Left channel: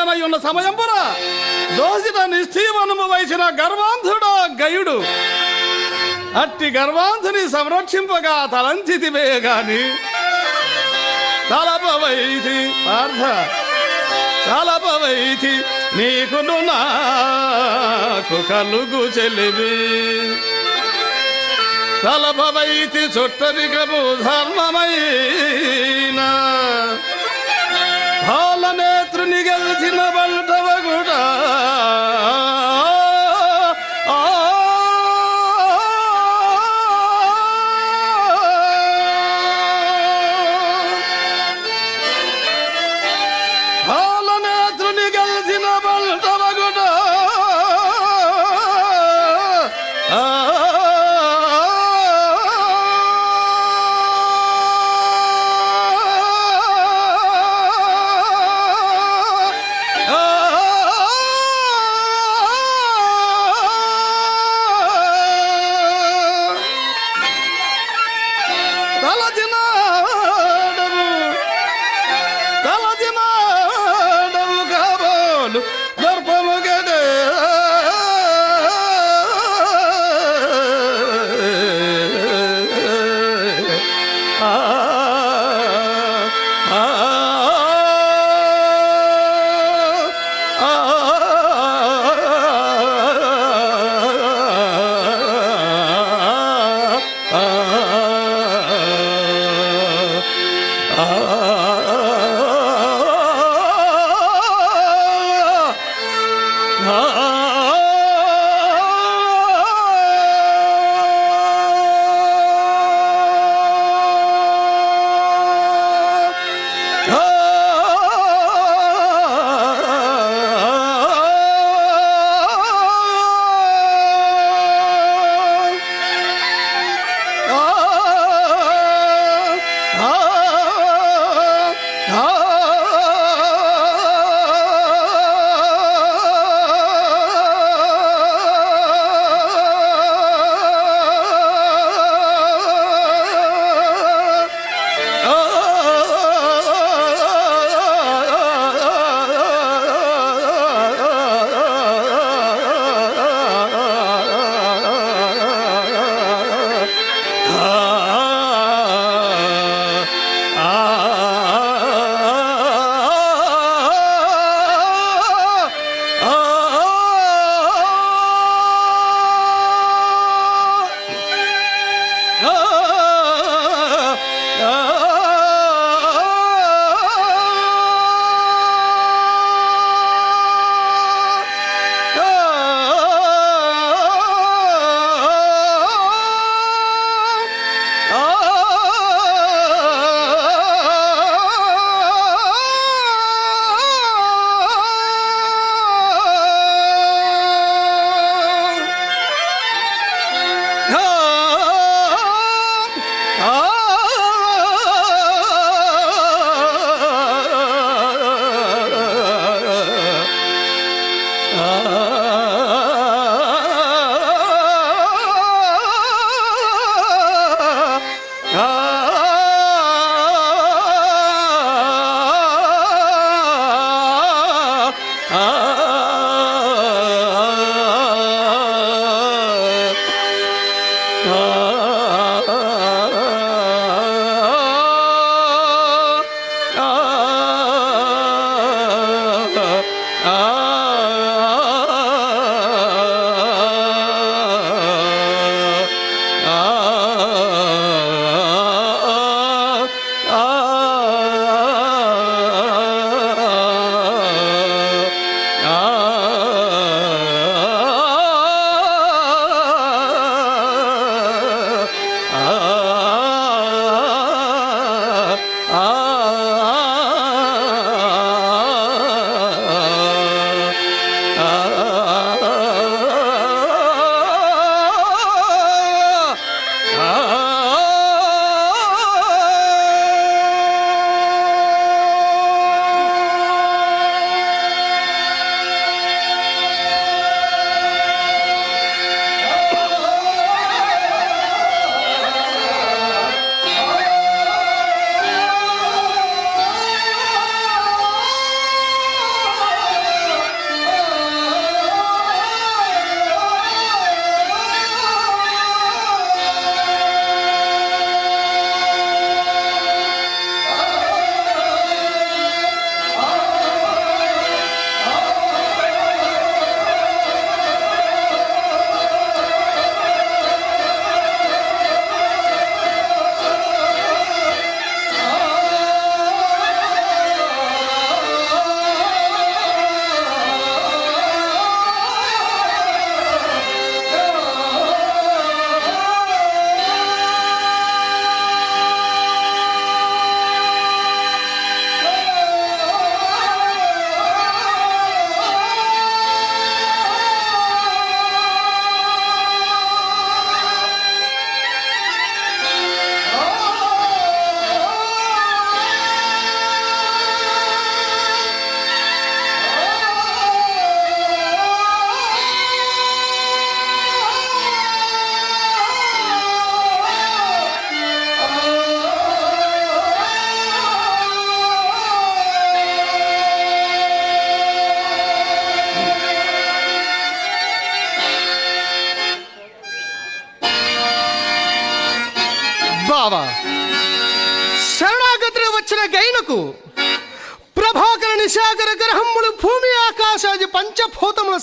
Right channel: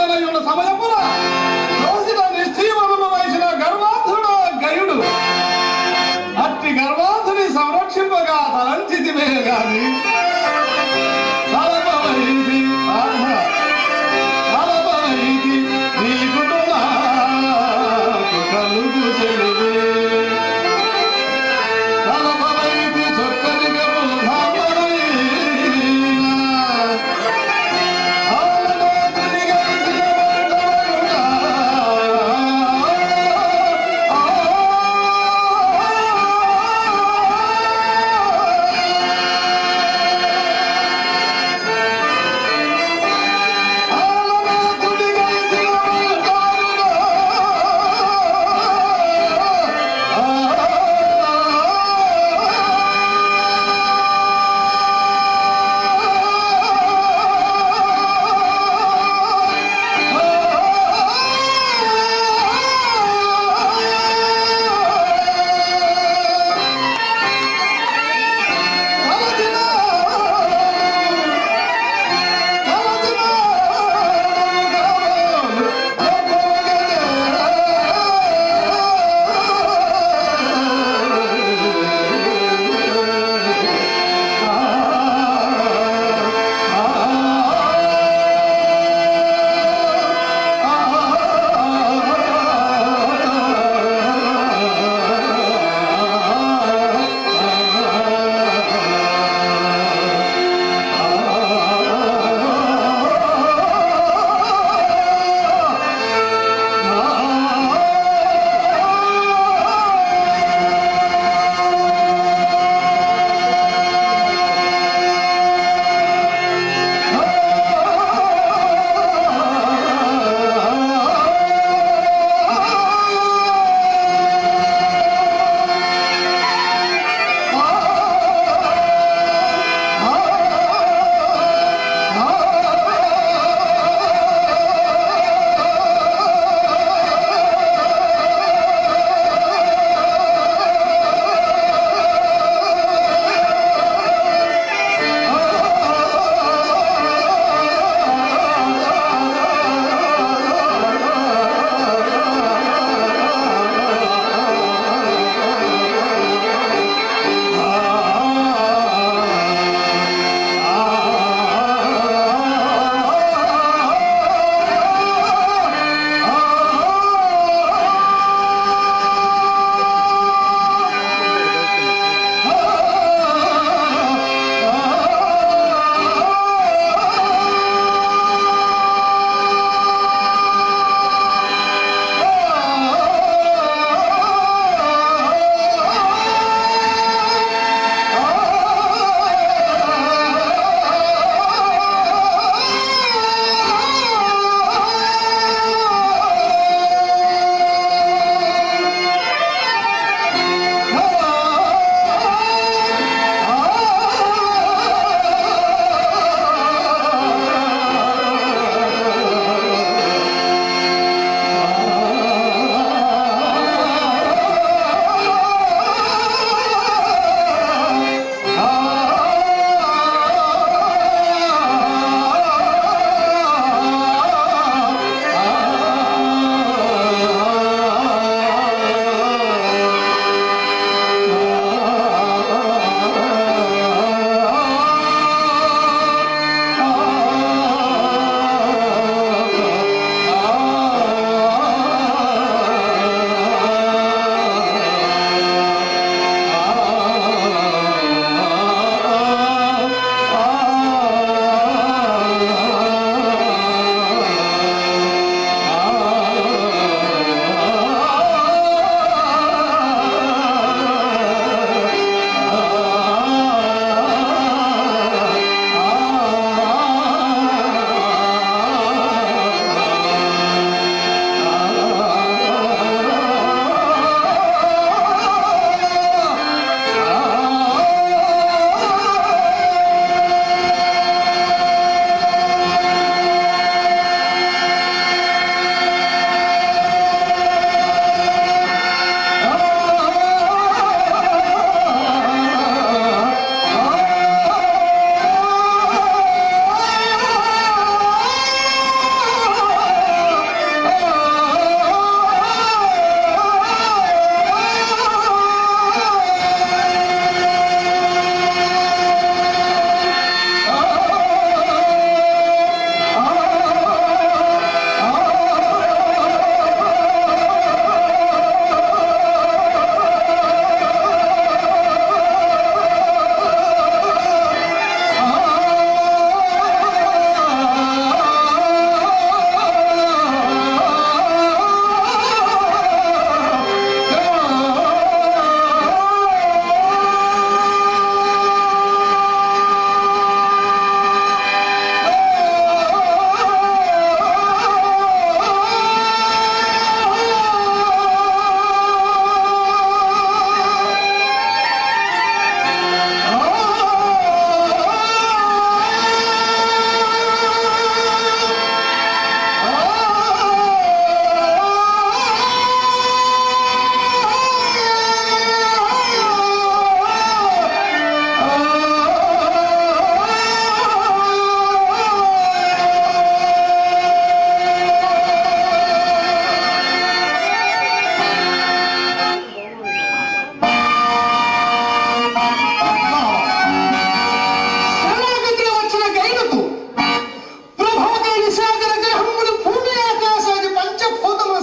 గరిష్ఠుండనై ఉన్న సమయమున దోసిన నిశ్చయమును వయసిన గర్వాంధుడు గయుడు. అట్టి గర్వార్థుని సంరక్షింపగా తలంచితివే గాని తలపవైది పార్థ తలపవైది నాకు కలుగు చెలివి తలపవైది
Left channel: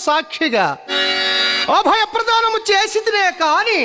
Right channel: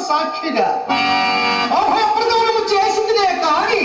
సాక్షిగా. అభయప్రదానం చేసిదిలే కాని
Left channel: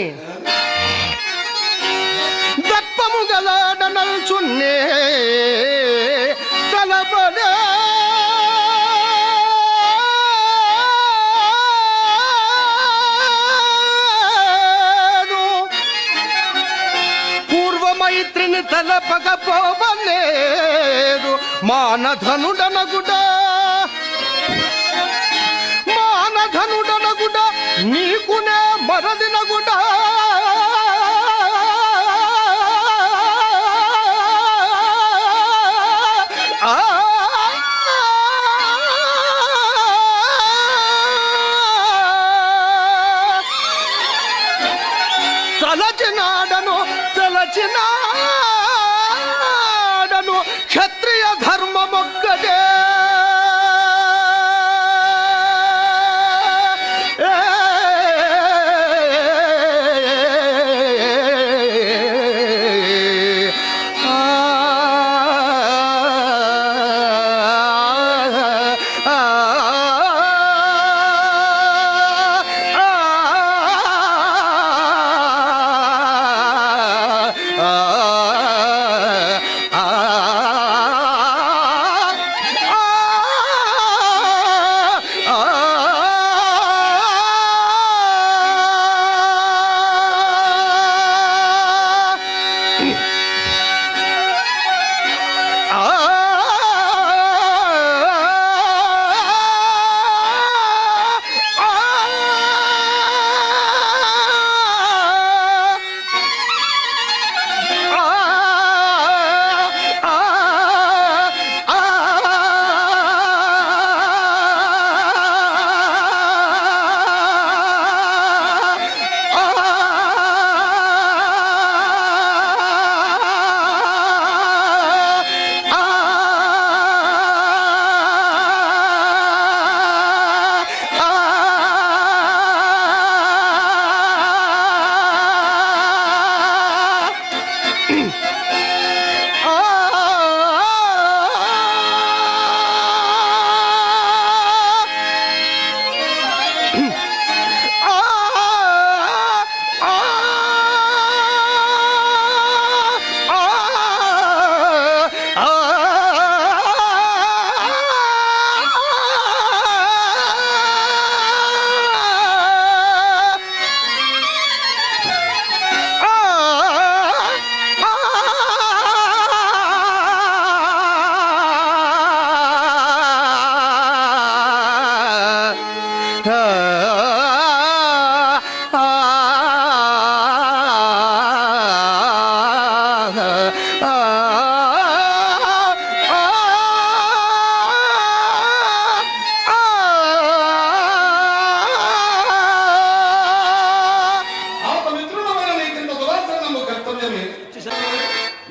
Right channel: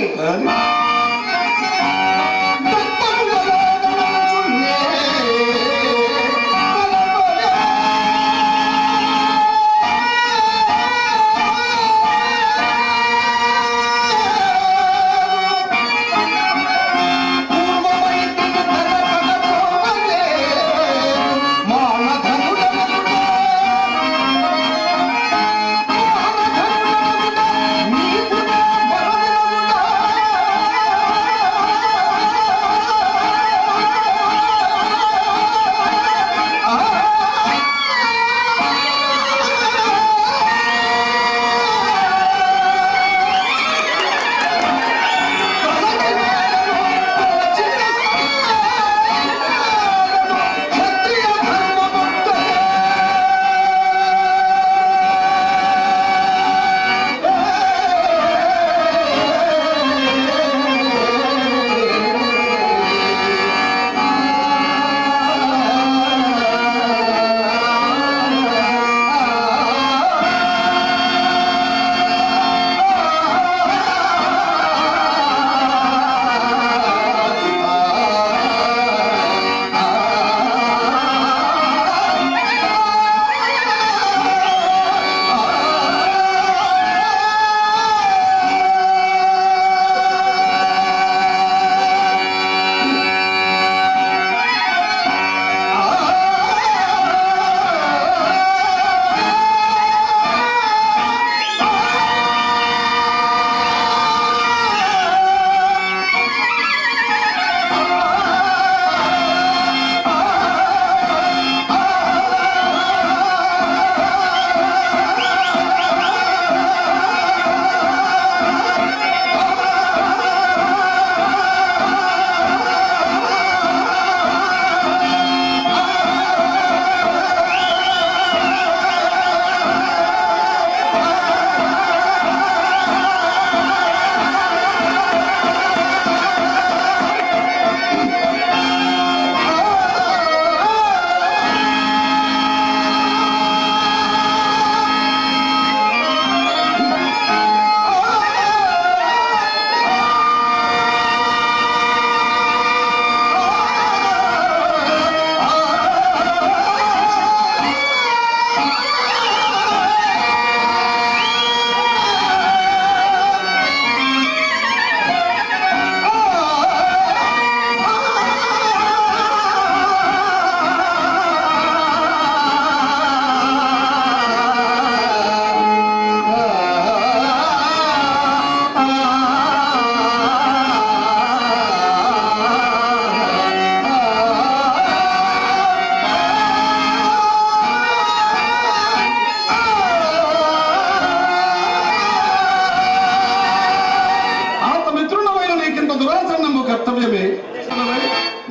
కర్తవ్యమే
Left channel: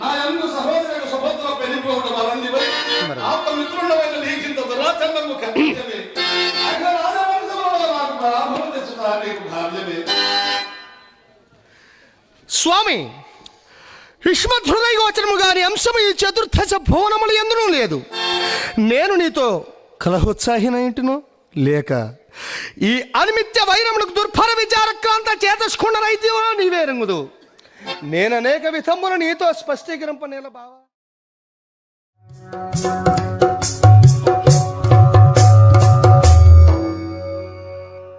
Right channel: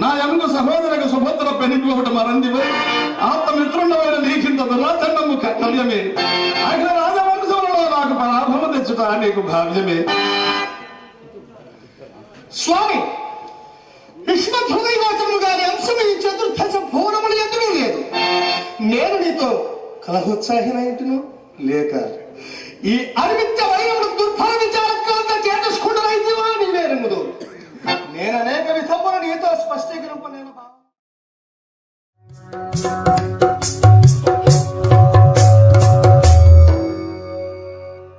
నా యంగు సహోదరకు సుభద్ర పెనిపోవడం అరందివై ఆత మిత్రుడమైన నీకింత దురాచరణము కర్తవ్యమే. ఆయన రాజవంశంలో నాకు పరాభవం తెచ్చుట నీకు భావ్యమే. స్వామి యుష్మత్ హృదయగోచరము గాని అంశం ఈ చతుర్దశ భువనములు ఎందునూ లేదు. నేను నీతో కలహోత్సాహిన ఏంటిను లేక ఈ అనిమిత్య వైరములకు దుర్ఫల విచారక్రాంత రంగుదు నేను అనేక విధములు నీతో స్పష్టీకరింప నేను బావా